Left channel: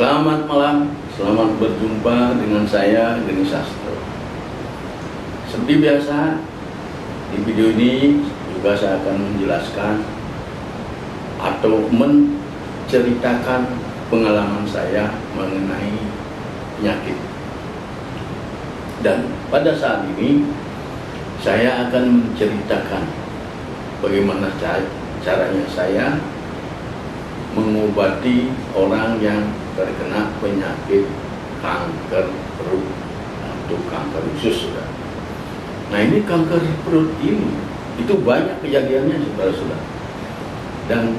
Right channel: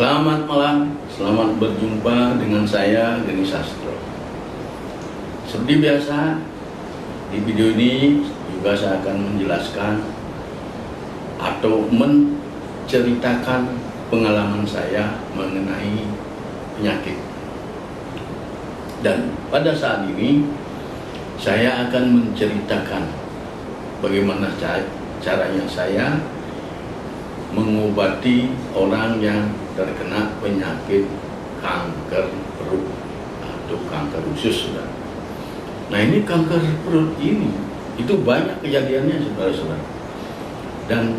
Selamat malam, selamat berjumpa dengan saya Geni Sastro. Seperti biasa, di video ini juga saya akan menjelaskan atau menceritakan pengalaman saya mengenai penyakit. Dan pada saat ini saya akan menceritakan bagaimana caranya saya mengobati orang yang terkena penyakit kanker perut atau kanker usus, saudara. Nah, ini kanker perut ini itu banyak kejadiannya, saudara-saudara. Dan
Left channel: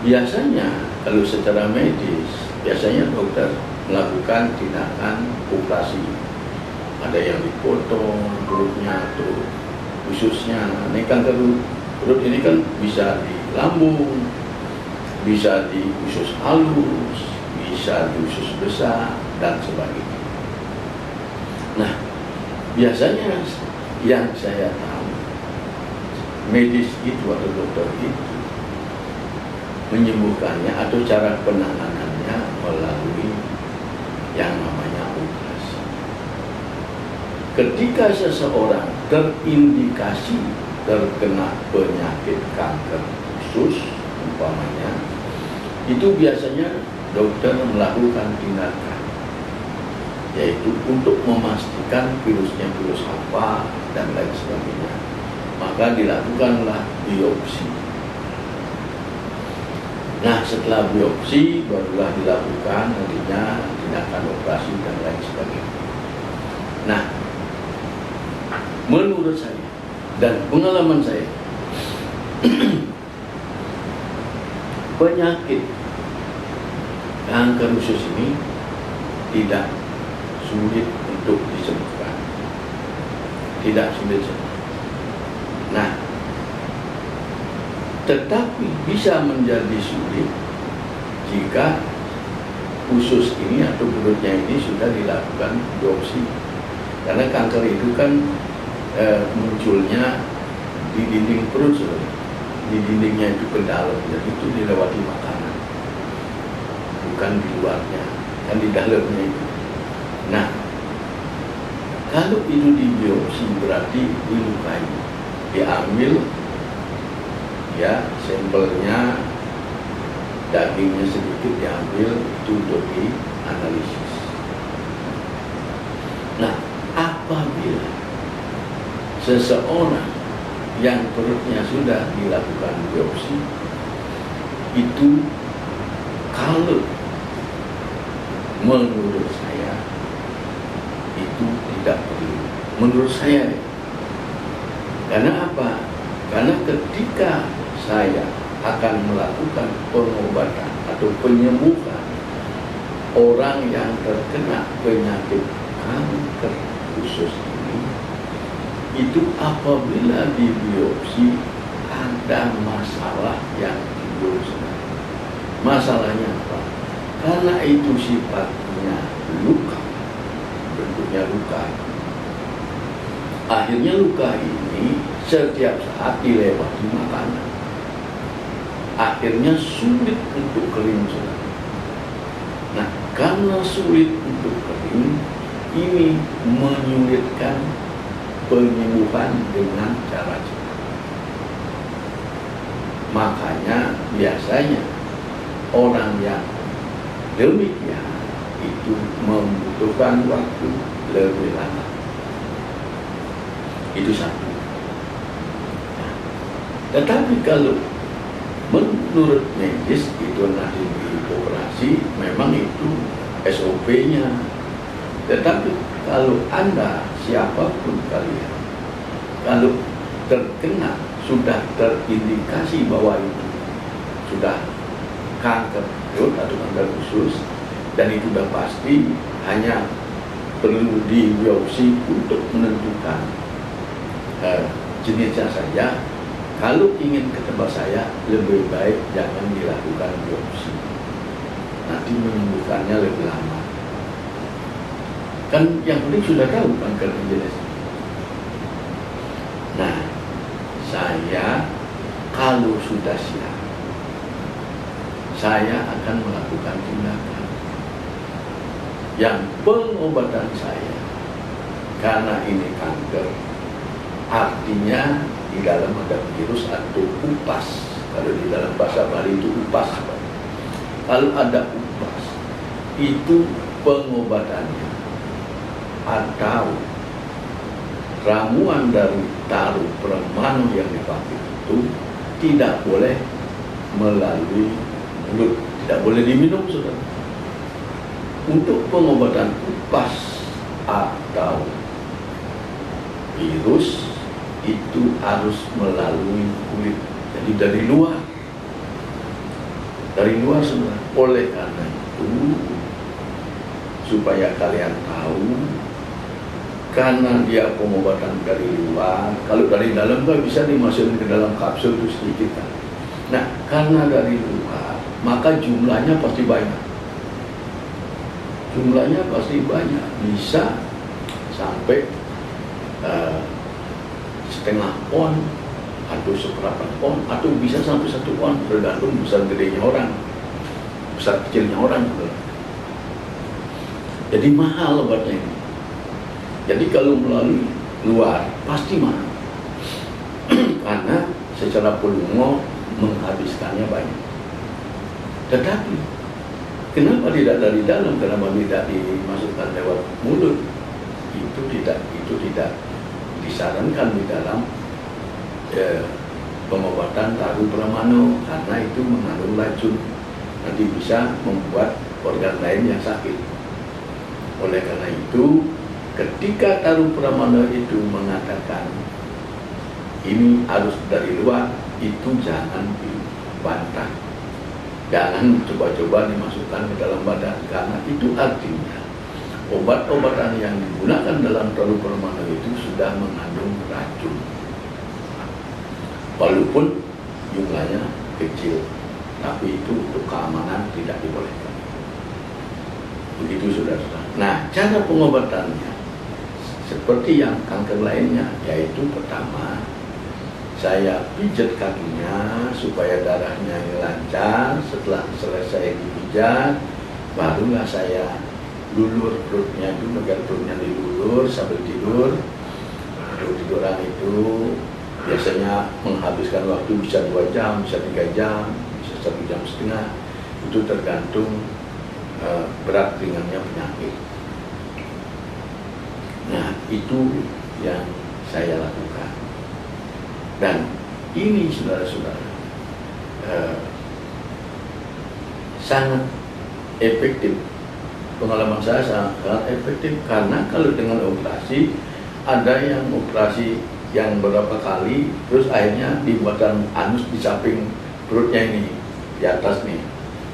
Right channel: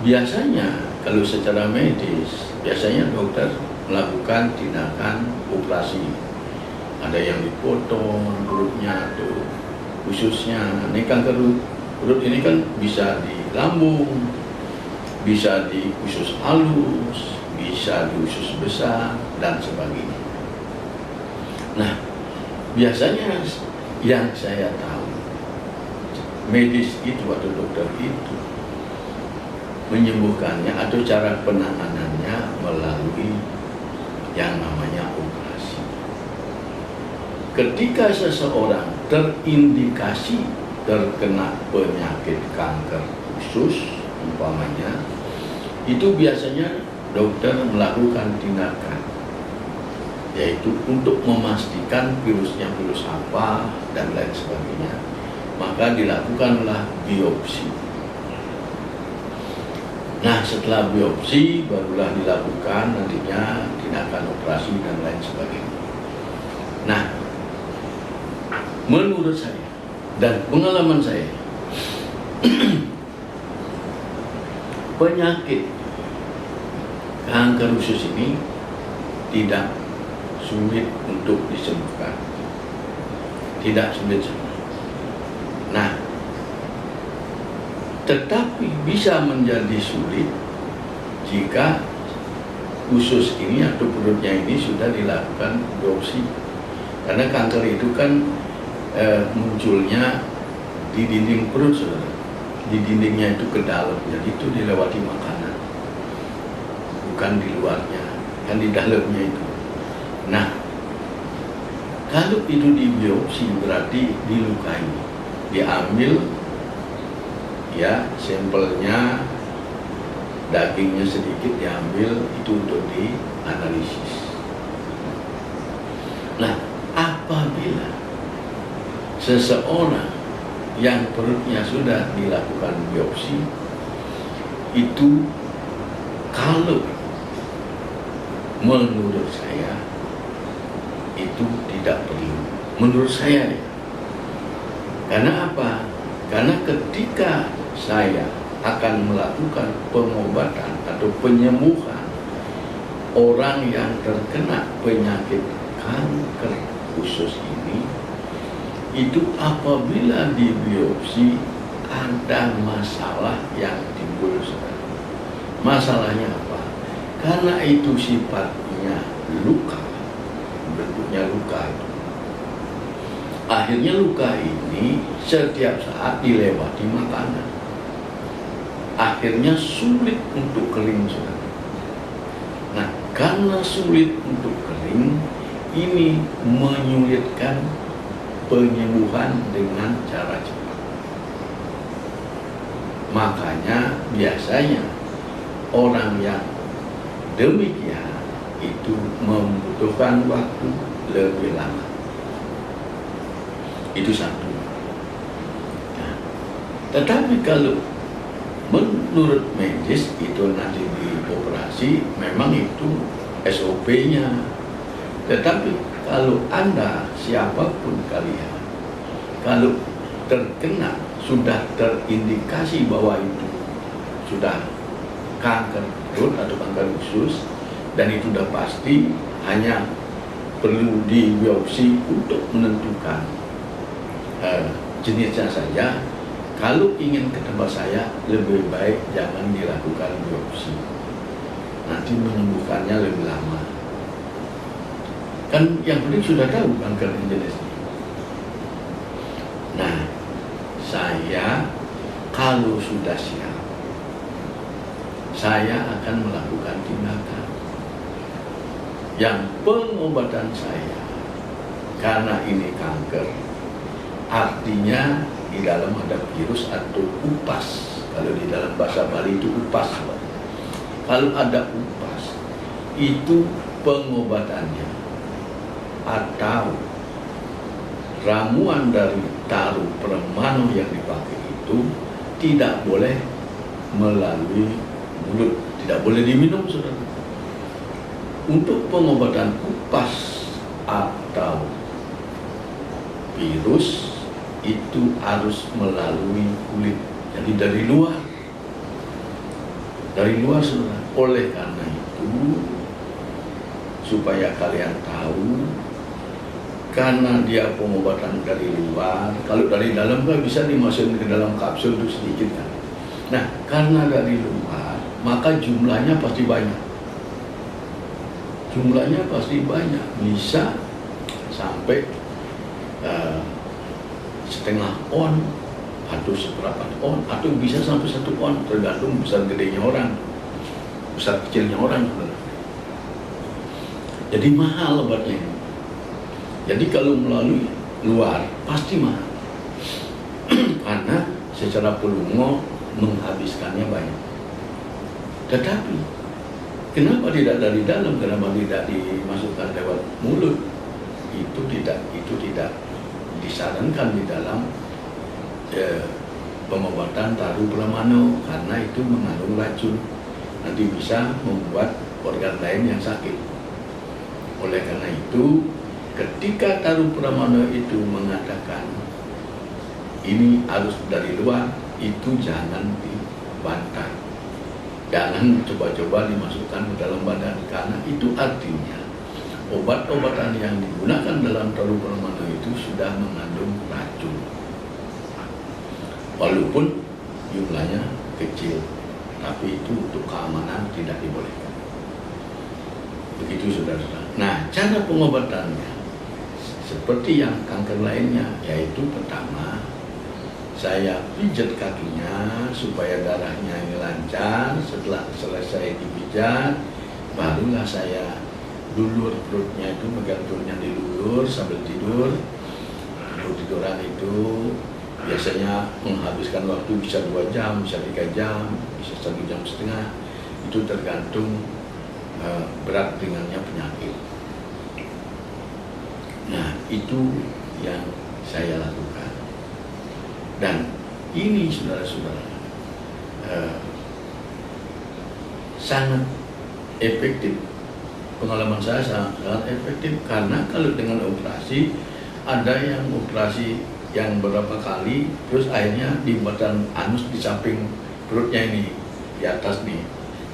biasanya kalau secara medis, biasanya dokter melakukan tindakan operasi. Ada yang dipotong perutnya atau ususnya. Ini kanker perut ini kan bisa di lambung, bisa di usus halus, bisa di usus besar, dan sebagainya. Nah, biasanya yang saya tahu, medis itu atau dokter itu menyembuhkannya atau cara penanganannya melalui yang namanya operasi. Ketika seseorang terindikasi terkena penyakit kanker usus, umpamanya, itu biasanya dokter melakukan tindakan, yaitu untuk memastikan virusnya virus apa dan lain sebagainya. Maka dilakukanlah biopsi. Nah, setelah biopsi barulah dilakukan nantinya tindakan operasi dan lain sebagainya. Nah, menurut saya dan pengalaman saya, penyakit kanker usus ini tidak sulit untuk disembuhkan, tidak sulit sembuh. Nah, tetapi bisa menjadi sulit jika usus ini atau perutnya ini sudah dilakukan biopsi, karena kanker itu kan munculnya di dinding perut, saudara. Di dindingnya itu ke dalam, jadi itu dilewati makanan, bukan di luarnya, kan di dalamnya itu. Nah, kalau itu dibiopsi berarti dilukai, diambil ya sampelnya, dagingnya sedikit diambil itu untuk dianalisis. Nah, apabila seseorang yang perutnya sudah dilakukan biopsi, itu kalau menurut saya itu tidak perlu. Menurut saya ya. Karena apa? Karena ketika saya akan melakukan pengobatan atau penyembuhan orang yang terkena penyakit kanker usus ini, itu apabila di biopsi ada masalah yang timbul sebenarnya. Masalahnya apa? Karena itu sifatnya luka, bentuknya luka itu. Akhirnya luka ini setiap saat dilewati makanan. Akhirnya sulit untuk kering, saudara. Nah, karena sulit untuk kering, ini menyulitkan penyembuhan dengan cara cepat. Makanya biasanya orang yang demikian itu membutuhkan waktu lebih lama. Itu satu. Nah, tetapi kalau menurut medis itu nanti dioperasi, memang itu SOP-nya. Tetapi kalau Anda, siapapun kalian, kalau terkena, sudah terindikasi bahwa itu sudah kanker perut atau kanker usus, dan itu sudah pasti, hanya perlu dibiopsi untuk menentukan jenisnya saja. Kalau ingin ke tempat saya, lebih baik jangan dilakukan biopsi. Nanti menyembuhkannya lebih lama. Kan yang penting sudah tahu kanker jenisnya. Nah, saya kalau sudah siap, saya akan melakukan tindakan. yang pengobatan saya karena ini kanker, artinya di dalam ada virus atau upas. Kalau di dalam bahasa Bali itu upas. Kalau ada upas, itu pengobatannya atau ramuan dari taruh Pramana yang dipakai itu tidak boleh melalui mulut, tidak boleh diminum, saudara. Untuk pengobatan upas atau virus itu harus melalui kulit, jadi dari luar, saudara. Oleh karena itu, supaya kalian tahu, karena dia pengobatan dari luar, kalau dari dalam kan bisa dimasukkan ke dalam kapsul itu sedikit kan. Nah, karena dari luar, maka jumlahnya pasti banyak. Bisa sampai setengah on atau seperempat on, atau bisa sampai 1 on, tergantung besar gedenya orang, besar kecilnya orang, saudara. Jadi mahal obatnya ini. Jadi kalau melalui luar pasti mahal karena secara pelungo menghabiskannya banyak. Tetapi kenapa tidak dari dalam? Kenapa tidak dimasukkan lewat mulut? Itu tidak disarankan di dalam pengobatan taruh Pramana, karena itu mengandung racun, nanti bisa membuat organ lain yang sakit. Oleh karena itu, ketika taruh Pramana itu mengatakan ini harus dari luar, itu jangan dibantah. Jangan coba-coba dimasukkan ke dalam badan, karena itu artinya obat-obatan yang digunakan dalam taruh Pramana itu sudah mengandung racun. Walaupun jumlahnya kecil, tapi itu untuk keamanan tidak dibolehkan. Begitu, saudara-saudara. Nah, cara pengobatannya seperti yang kanker lainnya, yaitu pertama, saya pijat kakinya supaya darahnya ini lancar. Setelah selesai dipijat, barulah saya lulur perutnya, itu bagian perutnya dilulur sambil tidur. Tiduran itu biasanya menghabiskan waktu bisa 2 jam, bisa 3 jam, bisa 1,5 jam. Itu tergantung berat ringannya penyakit. Nah, itu yang saya lakukan. Dan ini, saudara-saudara, sangat efektif. Pengalaman saya sangat efektif, karena kalau dengan operasi, ada yang operasi yang berapa kali, terus akhirnya dibuatkan anus di samping perutnya ini, di atas nih,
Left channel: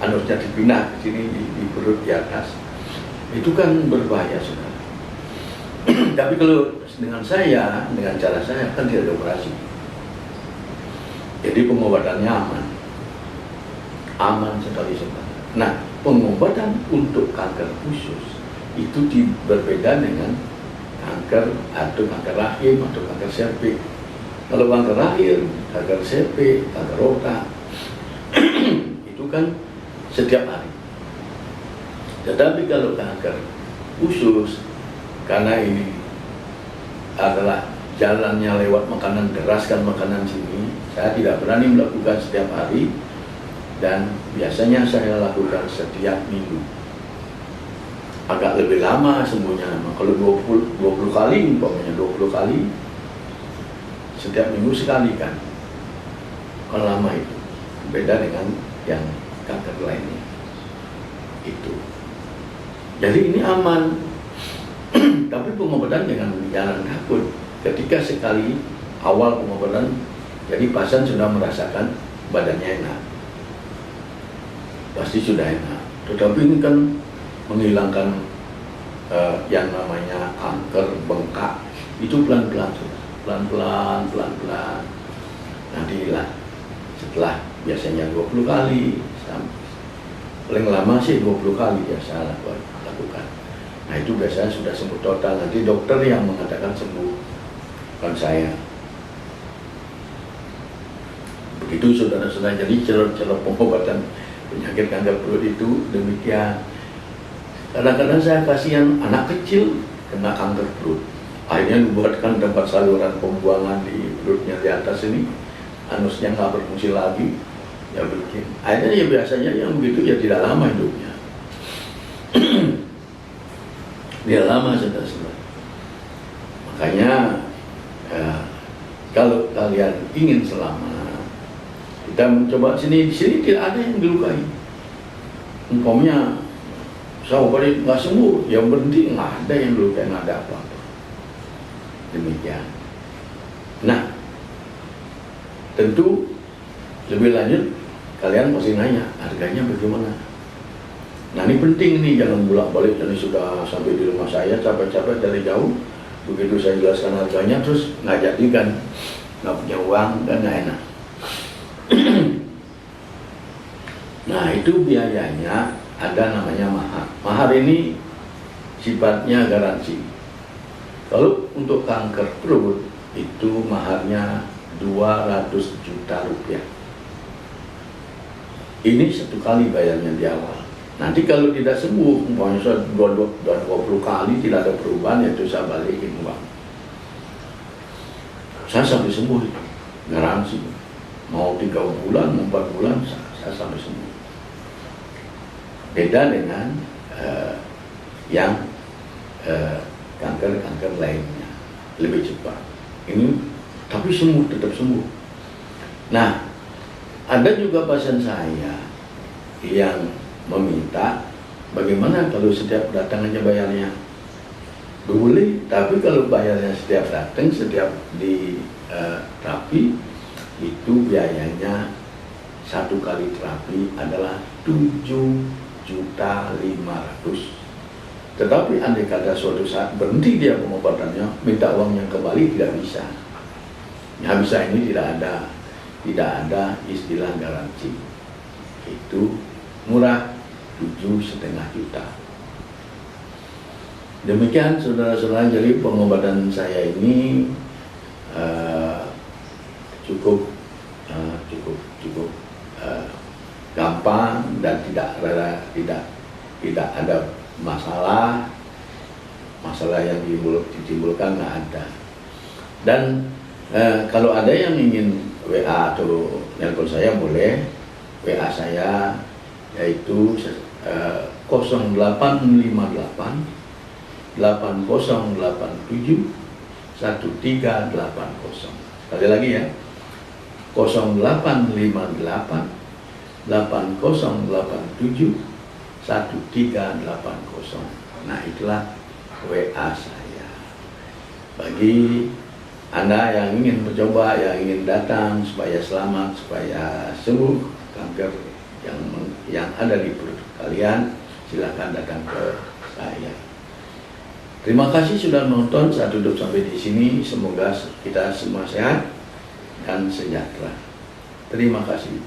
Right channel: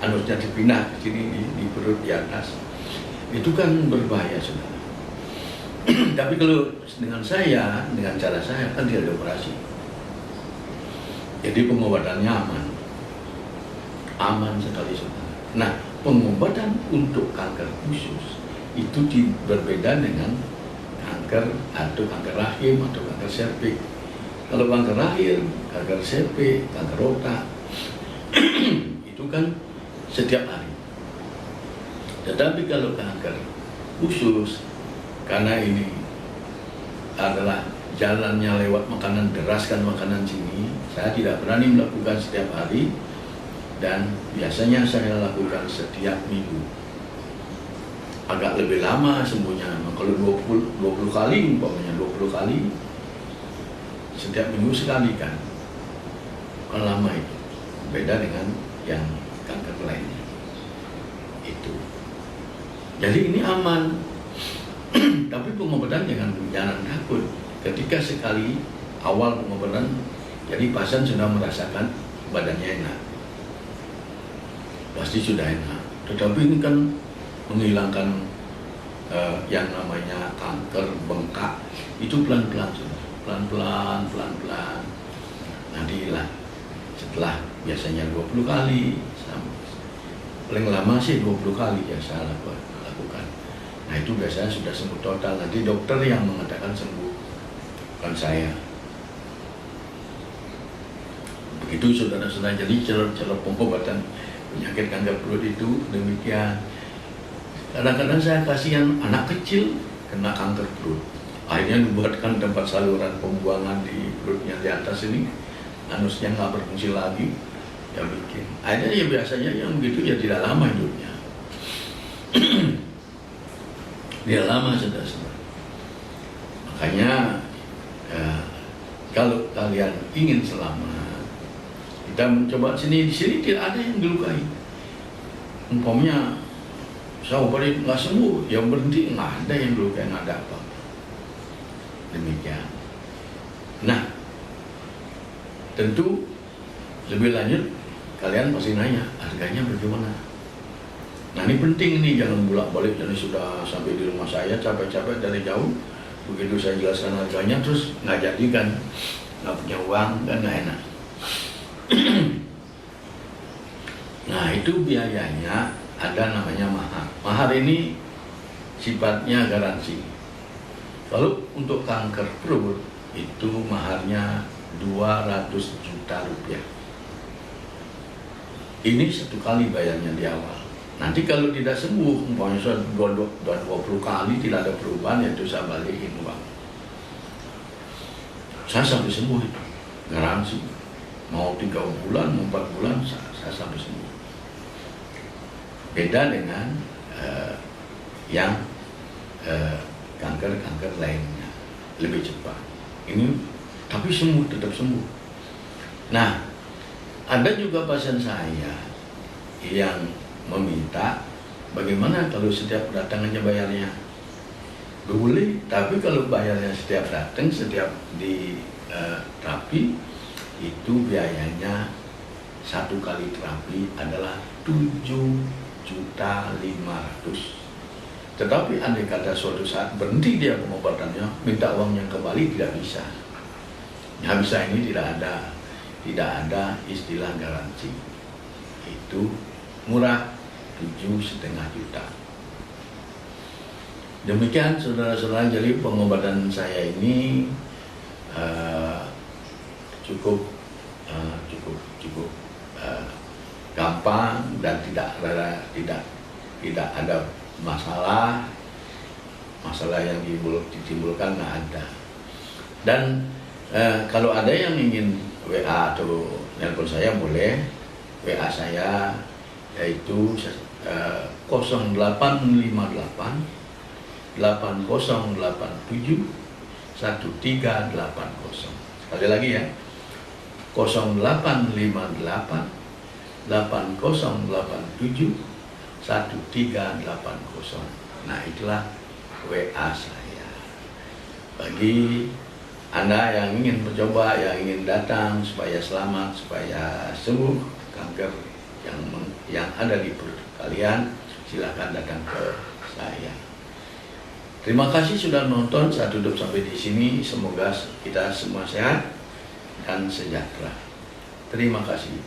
anusnya dipindah ke sini di perut di atas. Itu kan berbahaya, saudara. Tapi kalau dengan cara saya kan tidak ada operasi. Jadi pengobatannya aman sekali, saudara. Nah, pengobatan untuk kanker usus itu berbeda dengan kanker atau kanker rahim atau kanker serviks. Kalau kanker rahim, kanker serviks, kanker otak itu kan setiap hari. Tetapi kalau kanker usus, karena ini adalah jalannya lewat makanan, deraskan makanan sini, saya tidak berani melakukan setiap hari, dan biasanya saya lakukan setiap minggu. Agak lebih lama sembuhnya, kalau 20 kali, umpamanya 20 kali setiap minggu sekali kan. Kalau lama itu beda dengan yang kanker lainnya itu. Jadi ini aman. Tapi pengobatan jangan takut. Ketika sekali awal pengobatan, jadi pasien sudah merasakan badannya enak, pasti sudah enak. Tetapi ini kan menghilangkan yang namanya kanker bengkak, itu pelan-pelan, sudah pelan-pelan. Nanti hilang setelah biasanya 20 kali, paling lama sih 20 kali ya saya lakukan. Nah, itu biasanya sudah sembuh total. Nanti dokter yang mengatakan sembuh, bukan saya. Begitu, saudara-saudara. Jadi cara pengobatan penyakit kanker perut itu demikian. Kadang-kadang saya kasihan anak kecil kena kanker perut. Akhirnya dibuatkan tempat saluran pembuangan di perutnya di atas ini, anusnya nggak berfungsi lagi, ya bikin. Akhirnya ya biasanya yang begitu ya tidak lama hidupnya. Dia lama saudara-saudara. Makanya kalau kalian ingin selamat, kita mencoba di sini tidak ada yang dilukai. Umpamanya sahabat nggak sembuh, yang berhenti nggak ada yang dilukai, nggak ada apa-apa. Demikian. Nah, tentu lebih lanjut kalian pasti nanya harganya bagaimana. Nah ini penting nih, jangan bolak-balik. Jadi sudah sampai di rumah saya capek-capek dari jauh, begitu saya jelaskan harganya terus nggak jadi kan, nggak punya uang kan nggak enak. Nah itu biayanya ada namanya mahar. Mahar ini sifatnya garansi. Kalau untuk kanker perut itu maharnya 200 juta rupiah. Ini satu kali bayarnya di awal. Nanti kalau tidak sembuh, umpamanya 20 kali tidak ada perubahan, itu saya balikin uang. Saya sampai sembuh itu, garansi. Mau 3 bulan, mau 4 bulan, saya sampai sembuh. Beda dengan yang kanker-kanker lainnya, lebih cepat. Ini tapi sembuh, tetap sembuh. Nah, ada juga pasien saya yang meminta bagaimana kalau setiap datang aja bayarnya. Boleh, tapi kalau bayarnya setiap datang, setiap di terapi, itu biayanya satu kali terapi adalah 7.500.000. Tetapi andai kata suatu saat berhenti dia pengobatannya, minta uangnya kembali tidak bisa. Yang bisa ini tidak ada istilah garansi. Itu murah, 7,5 juta. Demikian saudara-saudara, jadi pengobatan saya ini cukup gampang dan tidak ada masalah yang ditimbulkan, nggak ada. Dan kalau ada yang ingin WA atau nelpon saya, boleh WA saya, yaitu 0858 8087 1380. Sekali lagi ya, 0858 8087 1380. Nah itulah WA saya. Bagi Anda yang ingin mencoba, yang ingin datang supaya selamat, supaya sembuh kanker yang ada di perut kalian, silakan datang ke saya. Terima kasih sudah menonton. Saya tutup sampai di sini. Semoga kita semua sehat dan sejahtera. Terima kasih.